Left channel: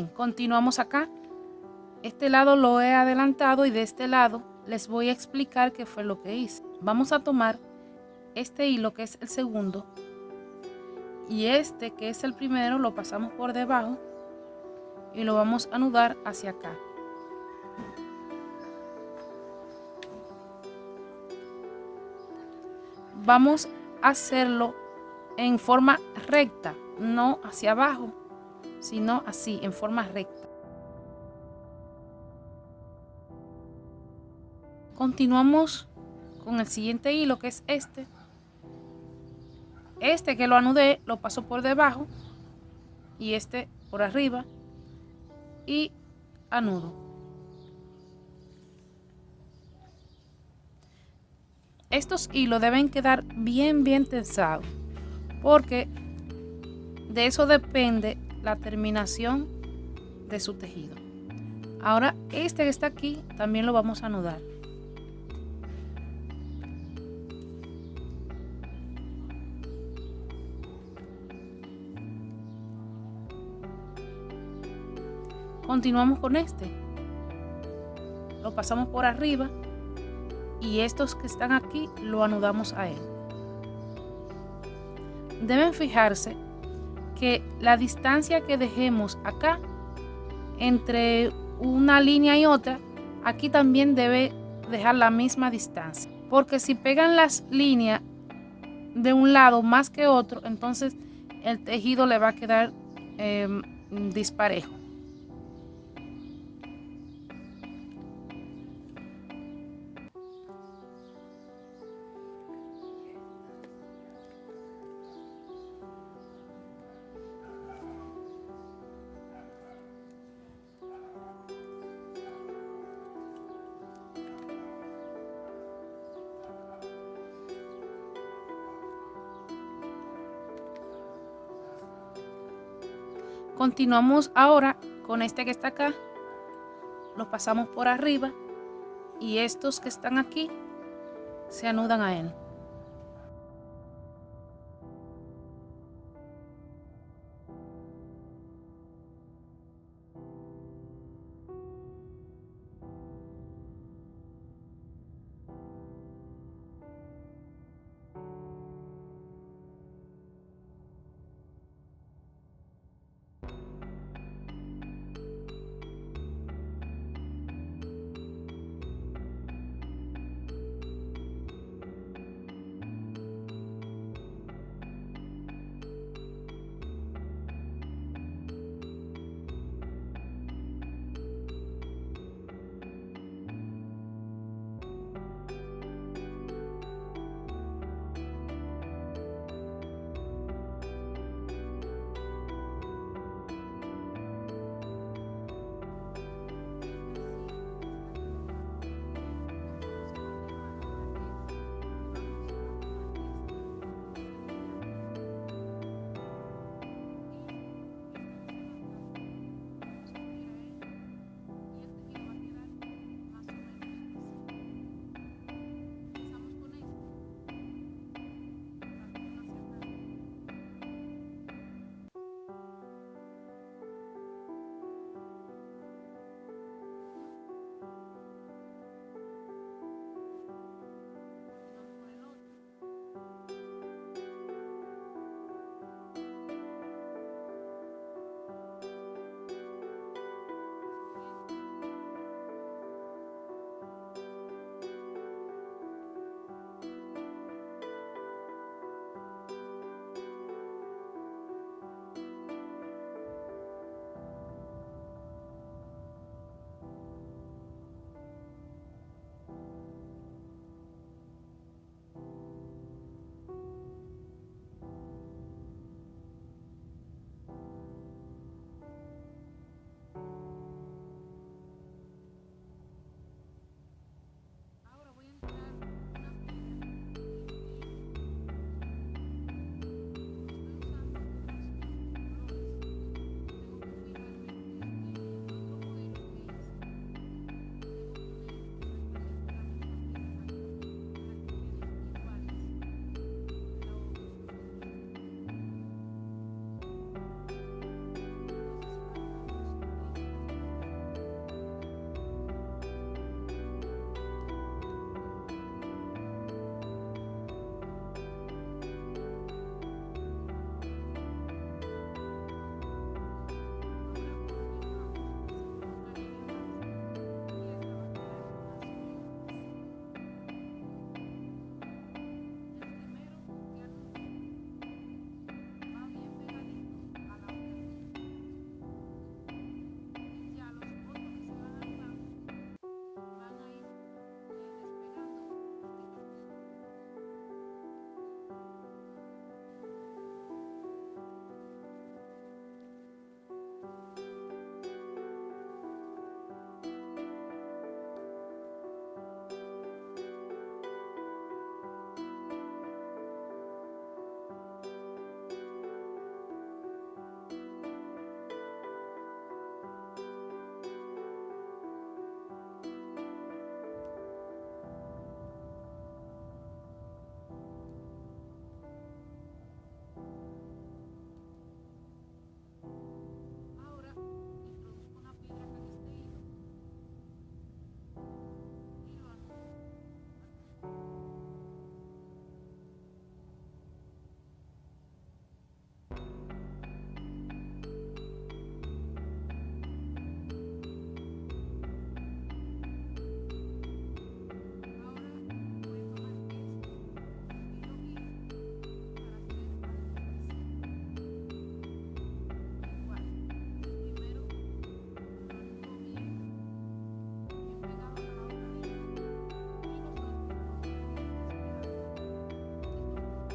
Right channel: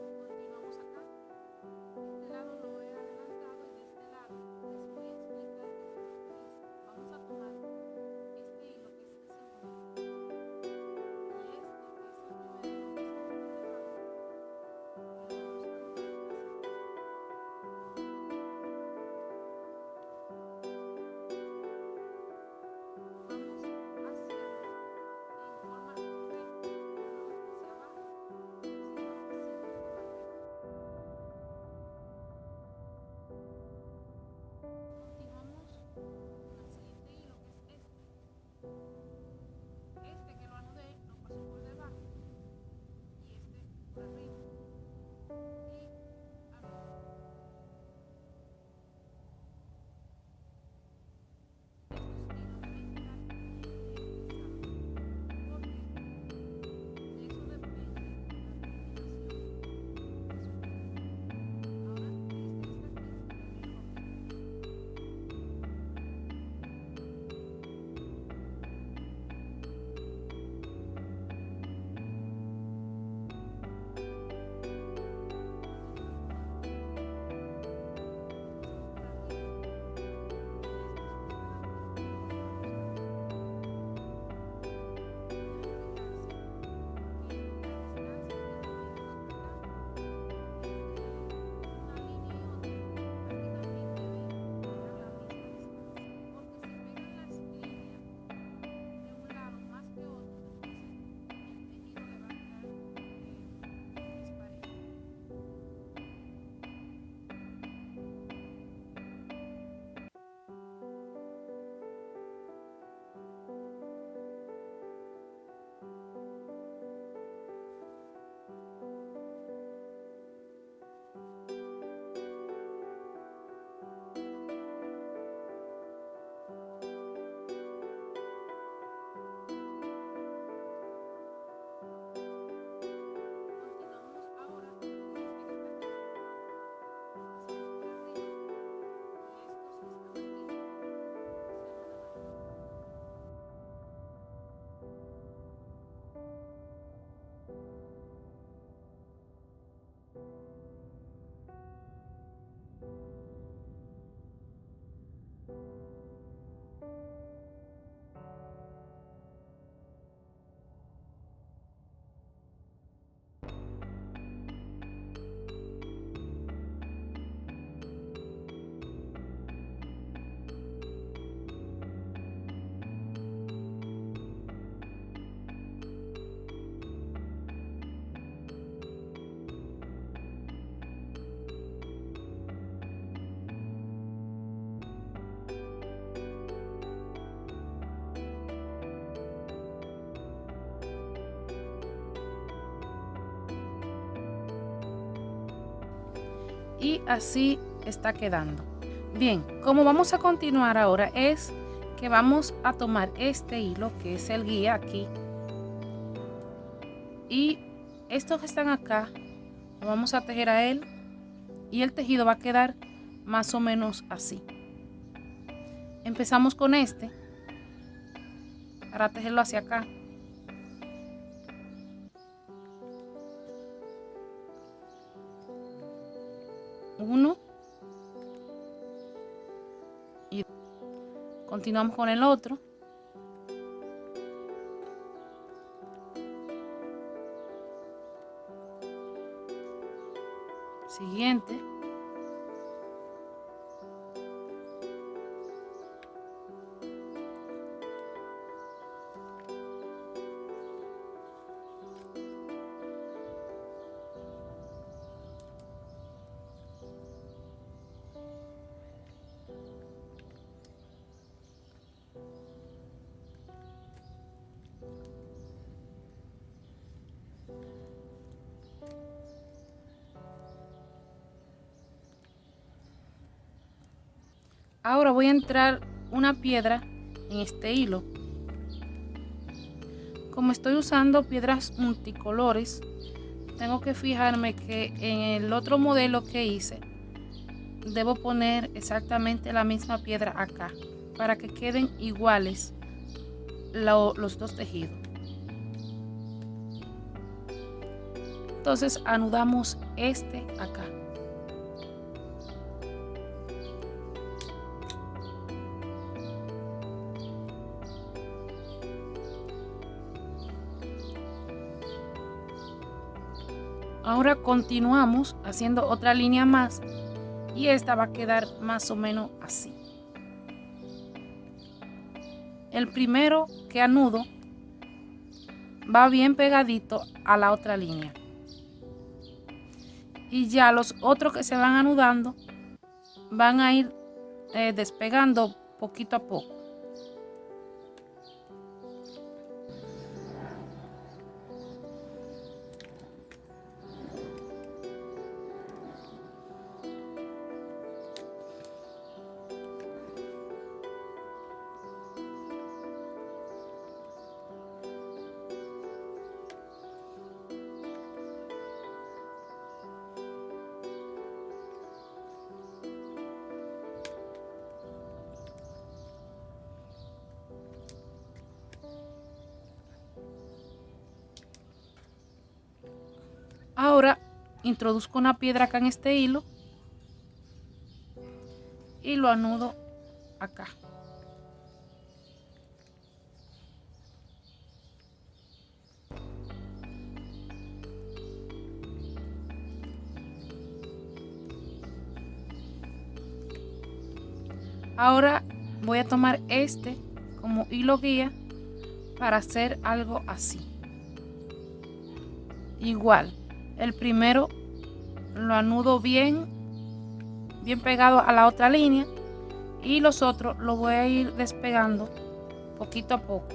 Bien, continuamos acá. Este lado lo he adelantado y de este lado les voy a explicar qué fue lo que hice. Vamos a tomar este hilo que es el segundo y este que es el primero lo pasamos por debajo y lo vamos a anudar hacia acá. Vamos a hacerlo en forma recta, no hacia abajo, sino así, en forma recta. Continuamos con el siguiente hilo que es este. Este que lo anudé lo paso por debajo y este por arriba y anudo. Estos hilos deben quedar bien tensados porque de eso depende la terminación de su tejido. Ahora este que está aquí también lo vamos a anudar. Continuamos con este. Lo pasamos por arriba y estos que están aquí lo anudamos a él. Deben fijarse que la distancia que dejemos acá entre una línea y otra, aquí también debe dejar la misma distancia, porque si pegan las líneas de un lado más que otro, entonces el tejido le va a quedar disparejo. Continuamos ahora con este que está acá, lo pasamos por arriba y estos que están aquí se anudan a él. Y así está quedando. Bien, como vamos a continuar ahora es que vamos a tomar este hilo que es el guía aquí y estos que están acá lo vamos a tejer a él y el tejido va a quedar más o menos así. Empezamos con este para tejerlo hacia acá. Uno y continuamos con el otro. Siguiente. Ahora voy a entrar una piedra en este hilo. Como estoy usando piedras multicolores, tengo que fijarme que en el otro modelo que hice debo poner exactamente la misma piedra acá para que queden iguales los dos tejidos. Entonces anudamos este acá. Ahora continuamos haciendo otra línea más y esta va a quedar más o menos así. El primero que anudo va bien pegadito a la otra línea y ya los otros que se van anudando van a ir despegando poquito a poco. Ahora introduzco una piedra acá en este hilo y lo anudo acá. Ahora voy a tomar este como hilo guía para hacer algo así. Igual, el primero lo anudo bien pegado a la otra línea y los otros los voy a ir despegando poquito a poco.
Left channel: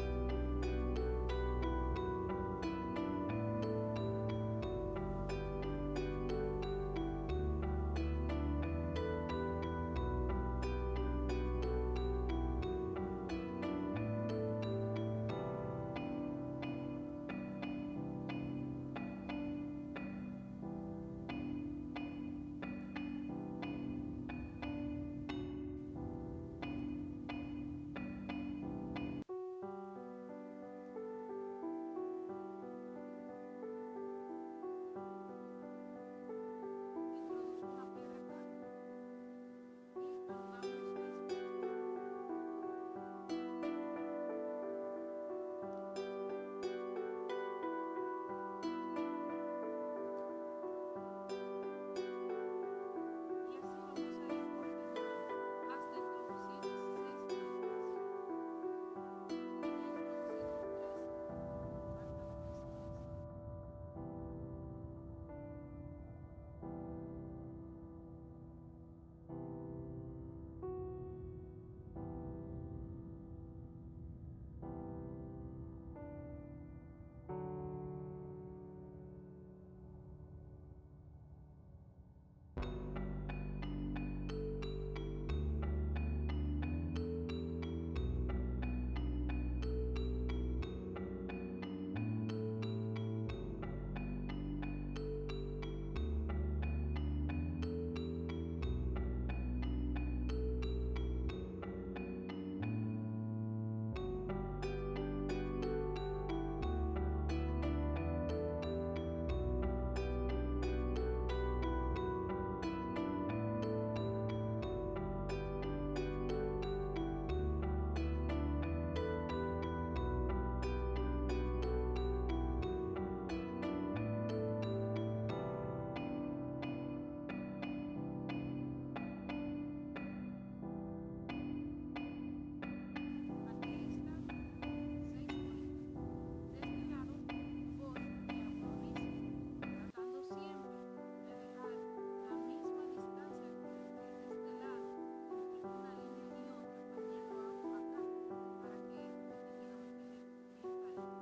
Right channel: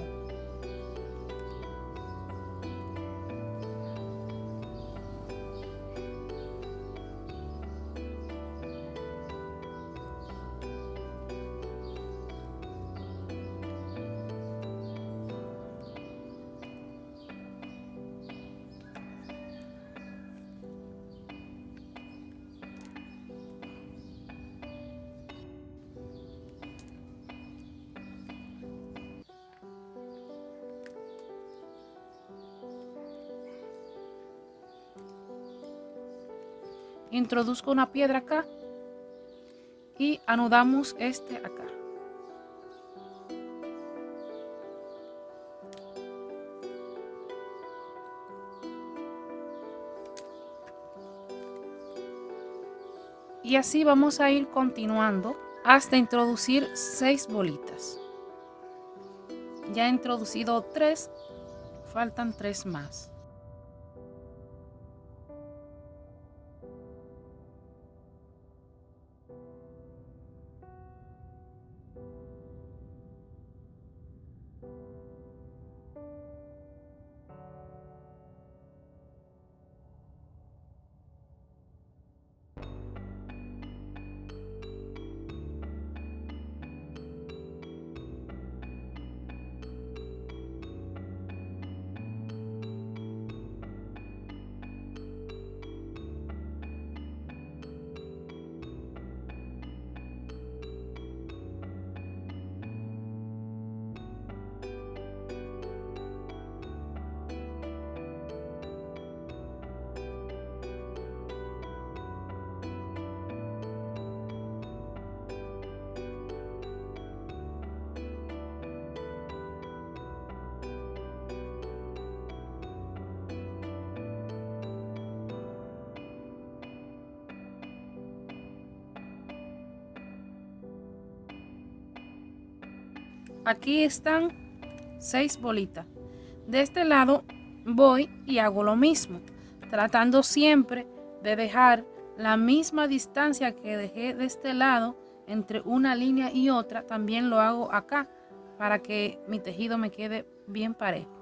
Introduzco una piedra acá y anudamos este acá. Y así vamos a ir continuando hasta introducir 6 bolitas. Ya he introducido 3, faltan 3 más. Aquí están 6 bolitas. De este lado voy y hago lo mismo, tratando siempre de dejar la misma distancia que dejé de este lado entre una línea y otra. También lo hago acá para que mi tejido me quede bien parejo.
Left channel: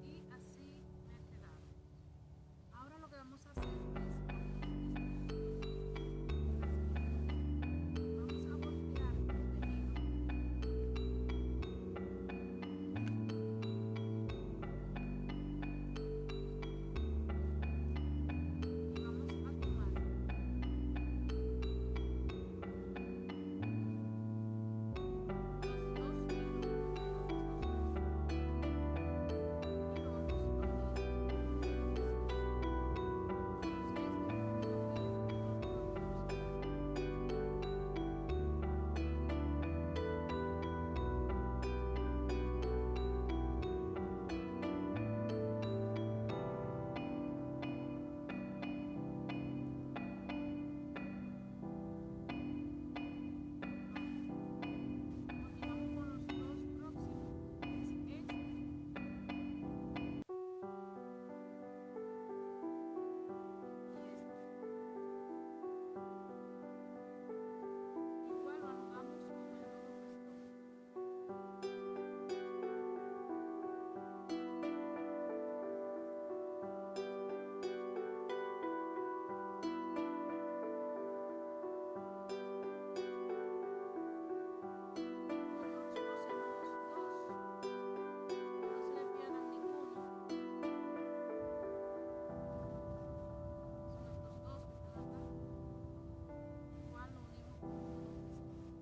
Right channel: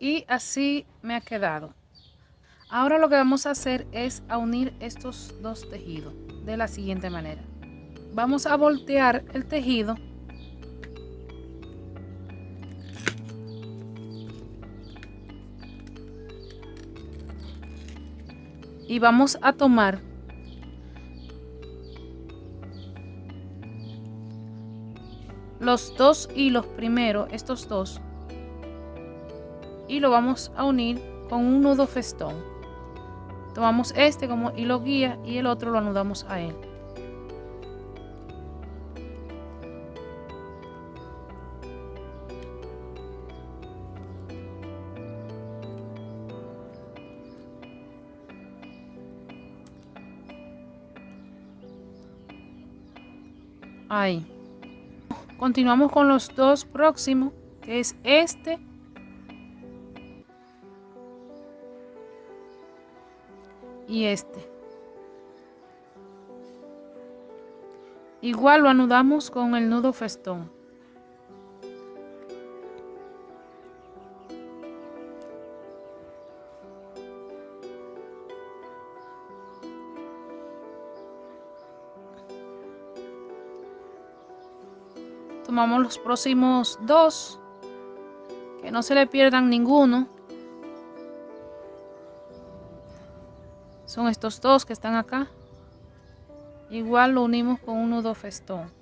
Y así me ha quedado. Ahora lo que vamos a hacer es a unir estos dos tejidos de la siguiente manera. Vamos a voltear el tejido y vamos a tomar los dos hilos primero, estos dos, y lo vamos a unir con un nudo festón. Tomamos este como hilo guía y el otro lo anudamos a él. Ahí. Continuamos con los dos próximos, que es este y este. Igual lo anudamos con el nudo festón. Tomamos los próximos dos, que no se le pierdan ninguno. Son estos dos que están acá. Igual lo unimos con un nudo festón.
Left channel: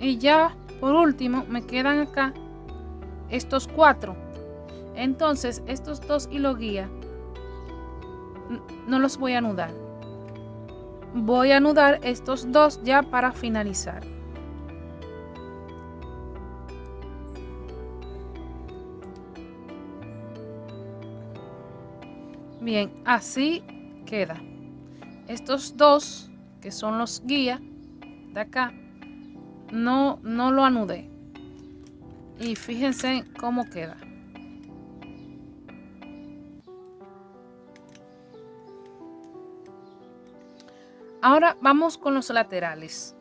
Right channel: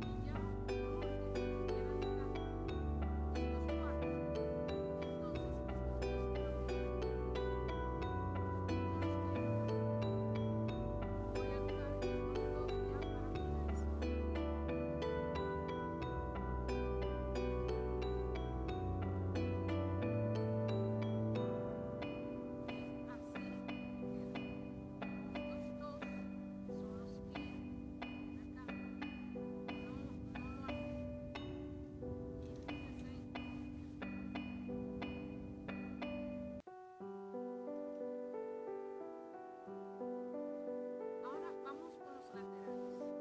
Y ya por último me quedan acá estos cuatro. Entonces estos dos hilos guía no los voy a anudar. Voy a anudar estos dos ya para finalizar. Bien, así queda. Estos dos, que son los guías de acá, no lo anudé. Y fíjense cómo queda. Ahora vamos con los laterales.